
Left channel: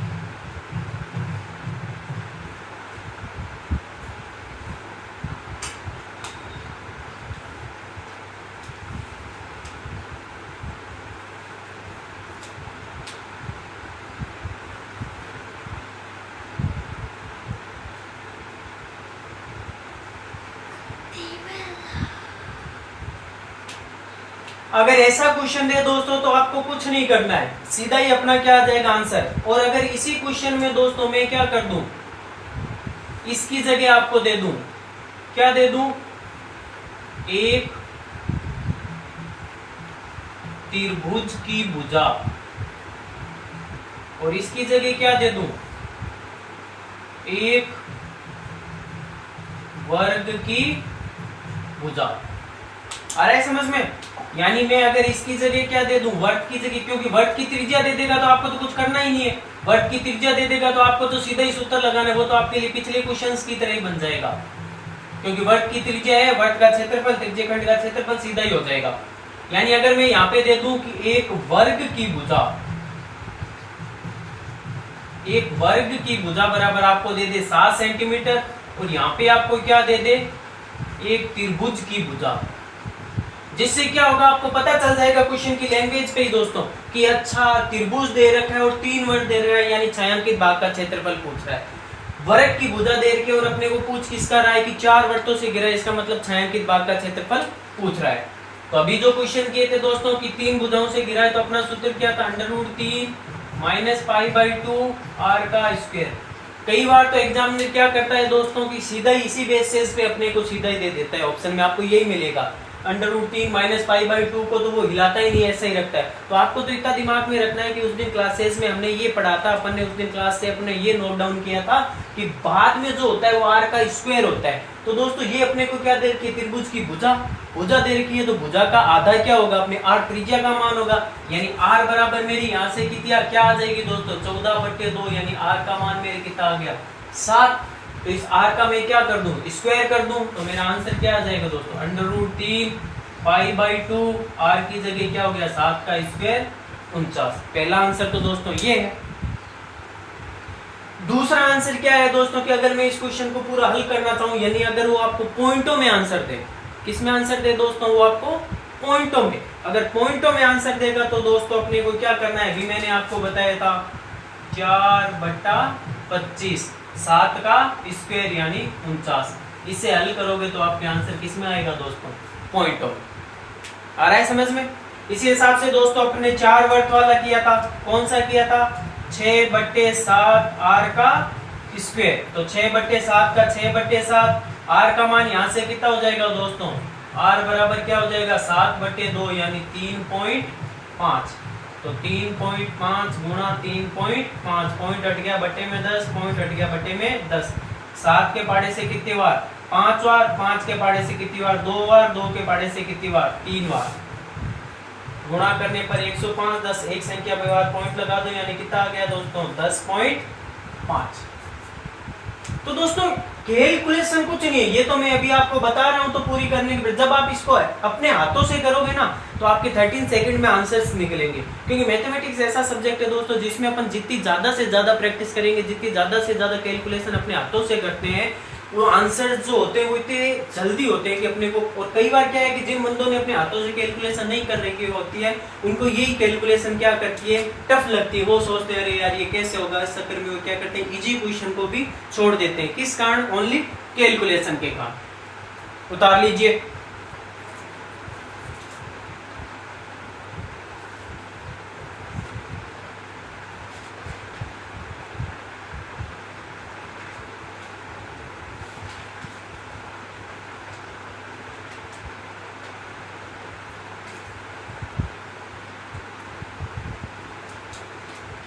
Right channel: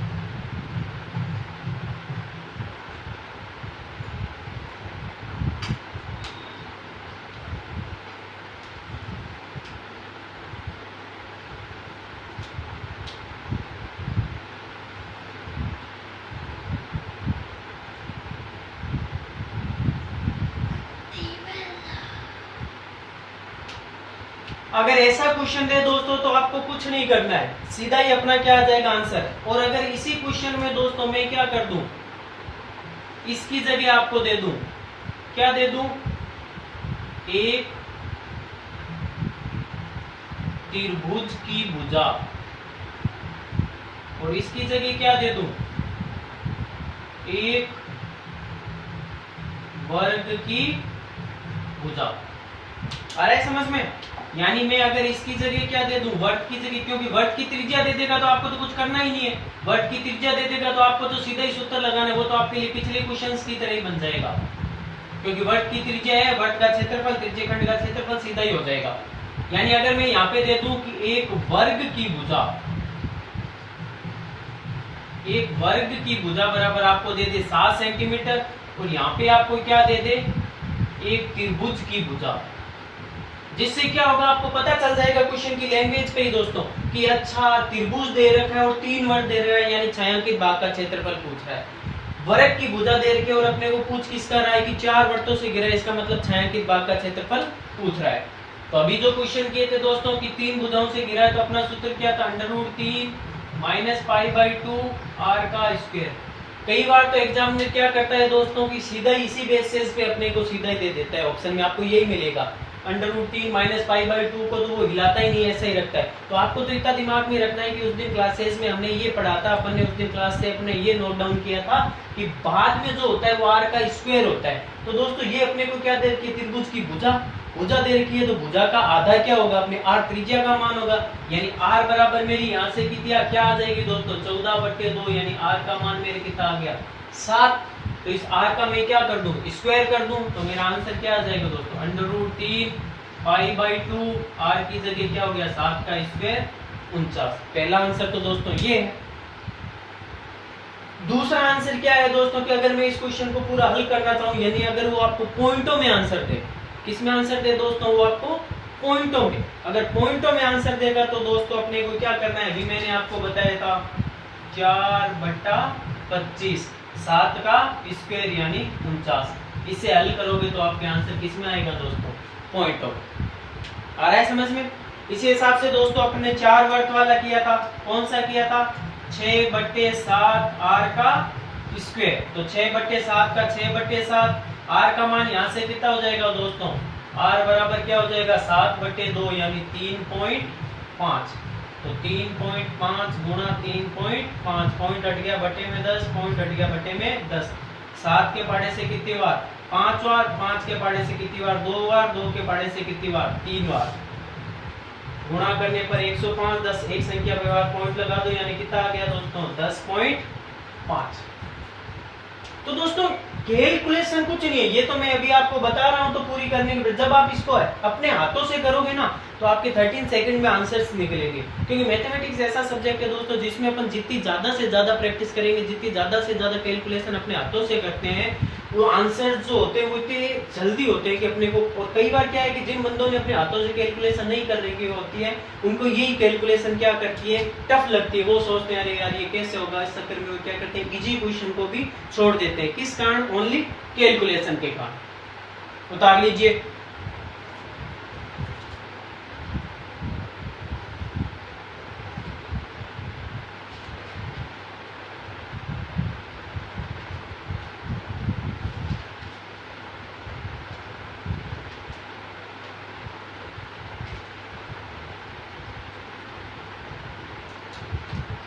अगर ऐसा क्वेश्चन दे दोस्तों तो आपको कुछ नहीं करना है, सीधा ही अपना क्या आ जाएगा आंसर। और अगर इसी क्वेश्चन में दोस्तों मैं क्या कर दूं, इसकी जगह आपको दे दूं, क्या दे दूं, एक त्रिभुज की भुजा, और इसकी जगह क्या दे दूं, एक वर्ग की भुजा। आ रहा है समझ में। यानी मैं अगर इसकी जगह क्या दे दूं, वर्ग की जगह, क्योंकि वर्ग की त्रिज्या दे देगा तो आपको तो कुछ करना ही नहीं है, वर्ग की त्रिज्या दे देगा तो आपको तो सीधा ही सूत्र लगाना है, वो तो आपके लिए पिछले क्वेश्चंस की तरह ही बन जाएगा, क्योंकि वर्ग की त्रिज्या है, वर्ग का क्षेत्रफल, त्रिज्यखंड का क्षेत्रफल सीधा ही हो जाएगा। यानी अगर मैं यहाँ पे दे दूं कि एक वर्ग की भुजा, एक वर्ग की भुजा बराबर आपको दे दे 7 सेंटीमीटर, और यहाँ पे आपको क्या दे दे, एक त्रिभुज की भुजा, जिससे क्या होगा आपको पता चल जाएगा क्वेश्चन की लैंग्वेज पे ही दोस्तों कि अच्छा त्रिभुज दे रखा है और 3 वर्ग दे रहा है, यानी छायांकित भाग का क्षेत्रफल पूछ रहा है। वर्ग की भुजा दे रखे और अपने को पूछ किसका रहा है कि 4 वर्तों से घिरा है, इसका मतलब छायांकित भाग का क्षेत्रफल पूछ रहा है। तो अभी जो क्वेश्चन किए थे दोस्तों कि 3 भुजाओं से घिरा है, तो अपना सूत्र क्या था, √3 - π/2 r का स्क्वायर। कई बार तो एग्जाम में क्या करता है दोस्तों कि सीधा ही इसी बेसिस पे अपने को सीधा ही दे देता है, ऑप्शन में आपको यही मिलेगा, √3 - π/2 को तो वो हिलाता ही नहीं, ऐसा ही रखता है। तो आपको तो इतना दिमाग में रखना है कि उस दिन क्लासेस में हमने ये पढ़ा था, अपन ने उस दिन क्लास से अपने ये नोट डाउन किया था कि बाद में जो होता है वो r का स्क्वायर होता है। तो दोस्तों ये अपने को क्या दे रखी है, त्रिभुज की भुजा दे रखी है, तो भुजा का आधा क्या होगा, अपने r त्रिज्या का मान होगा, यानी r बराबर मेरी यहाँ से कितनी क्या आ जाएगी दोस्तों, 14/2, यानी r का मान मेरे कितना आ गया, 7। तो इस r का मैं क्या कर दूं, स्क्वायर कर दूं, तो मेरा आंसर क्या आ जाएगा दोस्तों, √3 π/2, r की जगह क्या हो गया, 7 का स्क्वायर 49। पहला आंसर तो दोस्तों ये है। दूसरा आंसर क्या है दोस्तों कि अगर मैं इस क्वेश्चन को पूरा हल करना चाहूं, यानी अगर वो आपको पॉइंटों में आंसर दे, किसमें आंसर दे दोस्तों, वो आपको पॉइंटों में, अगर पॉइंटों में आंसर देगा तो दोस्तों अपने को क्या करना है, अभी मैंने आपको बताया था 4/25, 7 का स्क्वायर यानी 49। इसे हल करोगे तो आपके आंसर किस में आएगा दोस्तों, पॉइंटों। आ रहा है समझ में। इसी हिसाब से दोस्तों अपने 4 वर्त वाला किया था, कौन सा किया था, 6/7 r का स्क्वायर। तो 6/7 का 6/7, r का मान यहाँ से कितना हो जाएगा दोस्तों, r बराबर क्या हो जाएगा 7/2 यानी 3.5। तो 3.5 गुणा 3.5, पॉइंट हट गया बटे में 10, पॉइंट हट गया बटे में 10। 7 के पाड़े से कितनी बार 5 बार, 5 के पाड़े से कितनी बार 2 बार, 2 के पाड़े से कितनी बार 3 बार। गुणा करने पर 105, 10 एक संख्या पे बार पॉइंट लगा दो यानी कितना आ गया दोस्तों 10.5। तो दोस्तों कैलकुलेशन कुछ नहीं है, ये तो मैं अभी आपको बता रहा हूं तो पूरी करने के बाद जब आप इसको अपने हाथों से करोगे ना तो आपके 13 सेकंड में आंसर्स निकलेंगे। क्योंकि मैथमेटिक्स ऐसा सब्जेक्ट है दोस्तों जिसमें अपन जितनी ज्यादा से ज्यादा प्रैक्टिस करेंगे, जितनी ज्यादा से ज्यादा कैलकुलेशन अपने हाथों से करते हैं, वो आंसर्स जो होते हैं वो इतने जल्दी होते हैं कि अपने को। और कई बार क्या है कि जिन बंदों ने अपने हाथों से कैलकुलेशन नहीं कर रखी होती है उनको यही कैलकुलेशन क्या करती है, टफ लगती है। वो सोचते हैं अरे यार ये कैसे होगा, इस चक्कर में वो क्या करते हैं इजी क्वेश्चन को भी छोड़ देते हैं। किस कारण, ओनली कैलकुलेशन के कारण। उतार लीजिए।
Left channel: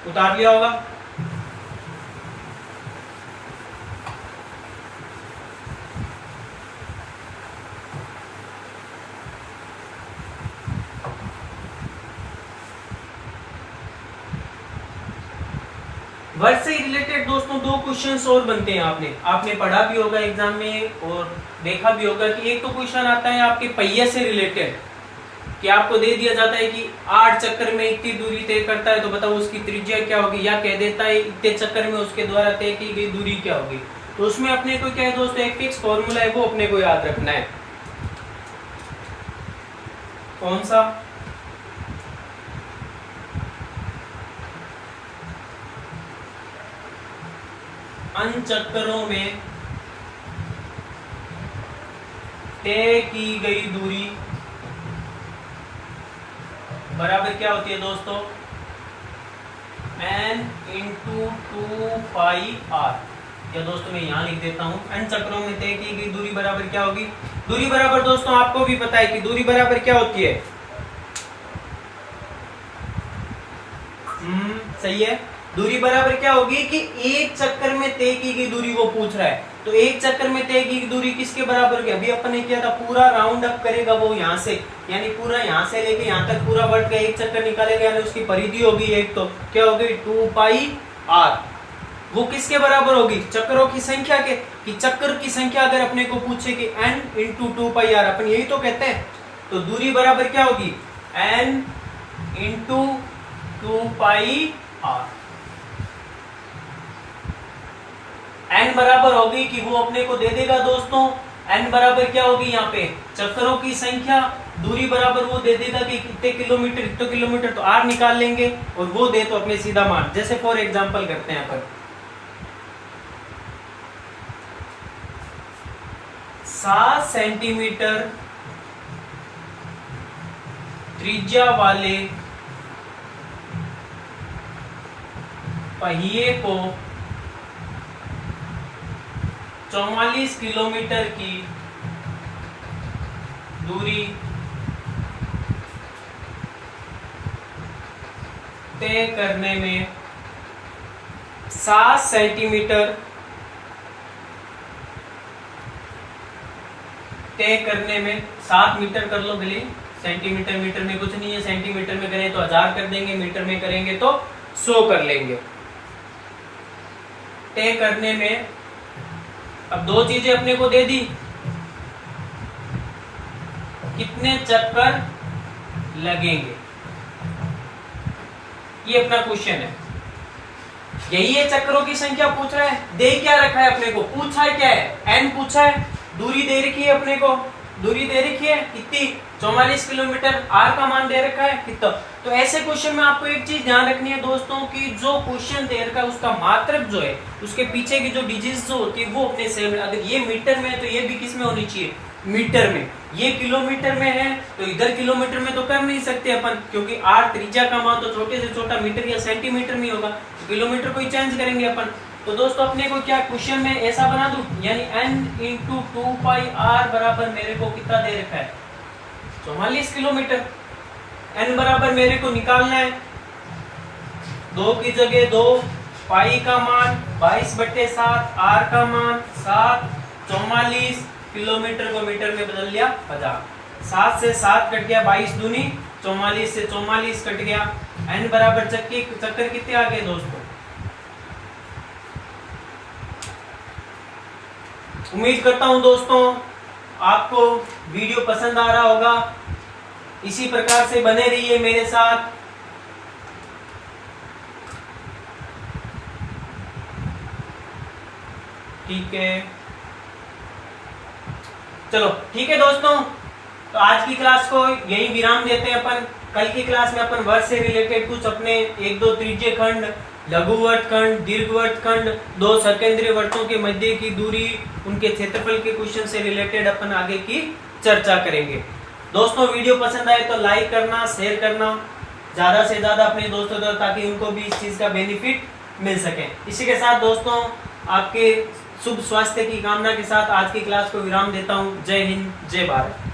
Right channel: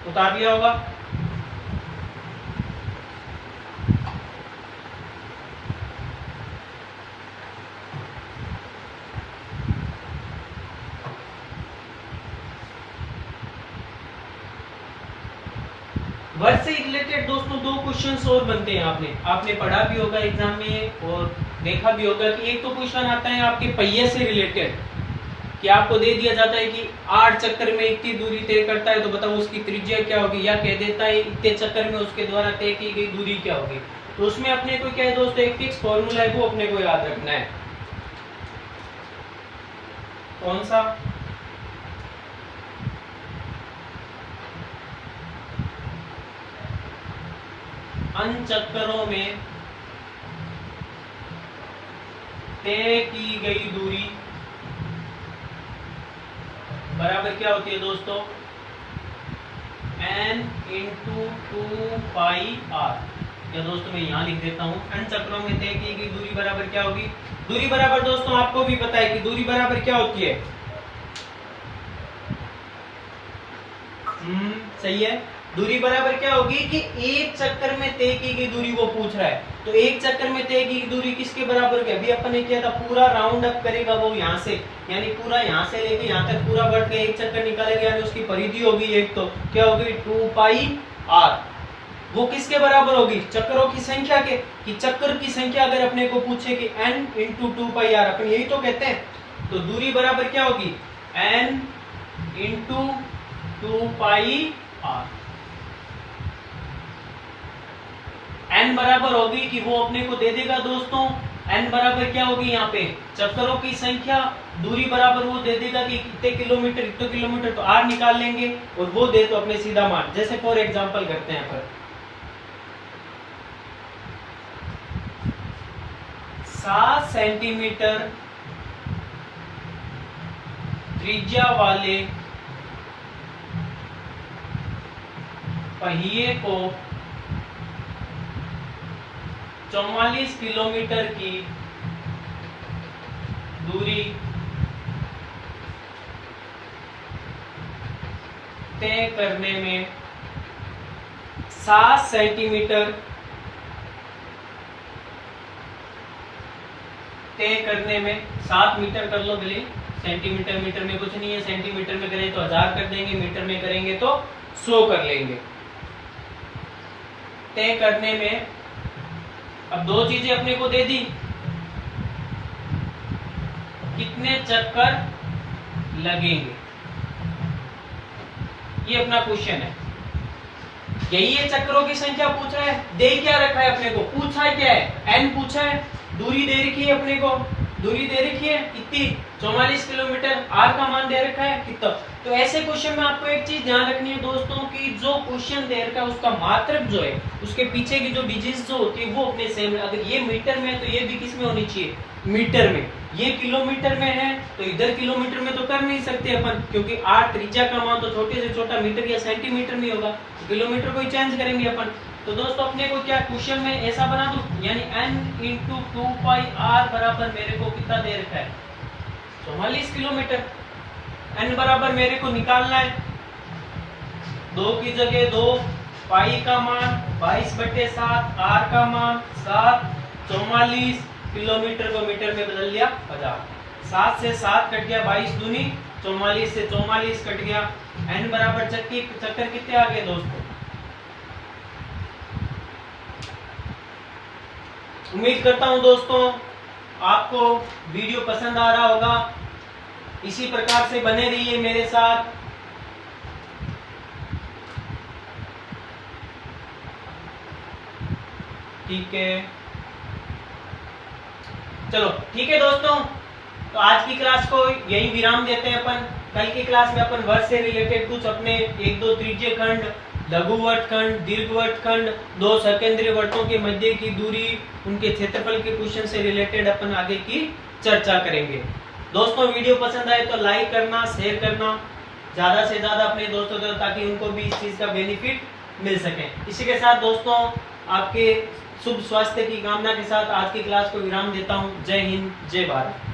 उतार लिया होगा। वर्ड से रिलेटेड दोस्तों दो क्वेश्चंस और बनते हैं। आपने पढ़ा भी होगा एग्जाम में और देखा भी होगा कि एक तो क्वेश्चन आता है आपके पहिए से रिलेटेड, कि आपको दे दिया जाता है कि 8 चक्कर में इतनी दूरी तय करता है तो बताओ उसकी त्रिज्या क्या होगी, या कह देता है इतने चक्कर में उसके द्वारा तय की गई दूरी क्या होगी। तो उसमें अपने को क्या है दोस्तों, एक फिक्स फॉर्मूला है वो अपने को याद रखना है। कौन सा? अन चक्करों में तय की गई दूरी बराबर क्या होती है दोस्तों, n इंटू 2πr। या दोस्तों मैं यहां लिख देता हूं, n चक्रों में तय की गई दूरी बराबर क्या होगी। दूरी बराबर दोस्तों आपको भी पता है कि दूरी बराबर क्या होती है। सही है। दूरी बराबर क्या होगी कि एक चक्कर में तय की गई दूरी वो पूछ रहा है। तो एक चक्कर में तय की दूरी किसके बराबर होगी, अभी अपन ने किया था पूरा राउंड अप करेगा वो यहाँ से, यानी पूरा यहाँ से लेके यहाँ तक पूरा बढ़ के एक चक्कर निकालेगा, यानी उसकी परिधि होगी एक, तो क्या होगी 2πr। वो किसके बराबर होगी, चक्करों की संख्या के। कि चक्कर की संख्या अगर अपने को पूछे कि n इंटू 2πr, अपन यही तो कहते हैं। तो दूरी बराबर क्या होगी n इंटू 2πr। n बराबर होगी कि वो अपने को दे देगा दोस्तों, n बराबर क्या होगी यहाँ पे चक्करों की संख्या, दूरी बराबर वो दे देगा कि कितने किलोमीटर, इतने किलोमीटर, तो r निकाल लेंगे और वो दे तो अपने सीधा मान। जैसे फॉर एग्जांपल करते हैं अपन 7 सेंटीमीटर त्रिज्या वाले पहिए को 44 किलोमीटर की दूरी तय करने में 7 सेंटीमीटर तय करने में 7 मीटर कर लो भले, सेंटीमीटर मीटर में कुछ नहीं है, सेंटीमीटर में करें तो 1000 कर देंगे, मीटर में करेंगे तो 100 कर लेंगे। तय करने में अब दो चीजें अपने को दे दी, कितने चक्कर लगेंगे, ये अपना क्वेश्चन है। यही है चक्करों की संख्या पूछ रहा है। दे क्या रखा है अपने को, पूछा है क्या है, n पूछा है, दूरी दे रखी है अपने को, दूरी दे रखी है कितनी 44 किलोमीटर, r का मान दे रखा है कितना। तो ऐसे क्वेश्चन में आपको एक चीज ध्यान रखनी है दोस्तों कि जो क्वेश्चन दे रखा है उसका मात्रक जो है, उसके पीछे की जो डिजिट्स जो होती है वो अपने सेम। अगर ये मीटर में है तो ये भी किस में होनी चाहिए, मीटर में। ये किलोमीटर में है तो इधर किलोमीटर में तो कर नहीं सकते अपन, क्योंकि r त्रिज्या का मान तो छोटे से छोटा मीटर या सेंटीमीटर में होगा, तो किलोमीटर को ही चेंज करेंगे अपन। तो दोस्तों अपने को क्या क्वेश्चन में ऐसा बना दूं, यानी n इंटू 2πr बराबर मेरे को कितना दे रखा है 44 किलोमीटर। n बराबर मेरे को निकालना है, 2 की जगह 2, पाई का मान 22/7, r का मान 7, 44 किलोमीटर को मीटर में बदल लिया 1000, 7 से 7 कट गया, 22 दूनी 44 से 44 कट गया। n बराबर चक्कर कितने आ गए दोस्तों, उम्मीद करता हूं दोस्तों आपको वीडियो पसंद आ रहा होगा। इसी प्रकार से बने रहिए मेरे साथ। ठीक है, चलो ठीक है दोस्तों, तो आज की क्लास को यही विराम देते हैं अपन। कल की क्लास में अपन वर्ग से रिलेटेड कुछ अपने 1-2 त्रिज्य खंड, लघु वर्तखंड, दीर्घ वर्तखंड, 2 सर्केंद्रीय वृत्तों के मध्य की दूरी, उनके क्षेत्रफल के क्वेश्चन से रिलेटेड अपन आगे की चर्चा करेंगे। दोस्तों वीडियो पसंद आए तो लाइक करना, शेयर करना ज्यादा से ज्यादा अपने दोस्तों तक, ताकि उनको भी इस चीज का बेनिफिट मिल सके। इसी के साथ दोस्तों आपके शुभ स्वास्थ्य की कामना के साथ आज की क्लास को विराम देता हूं। जय हिंद, जय भारत।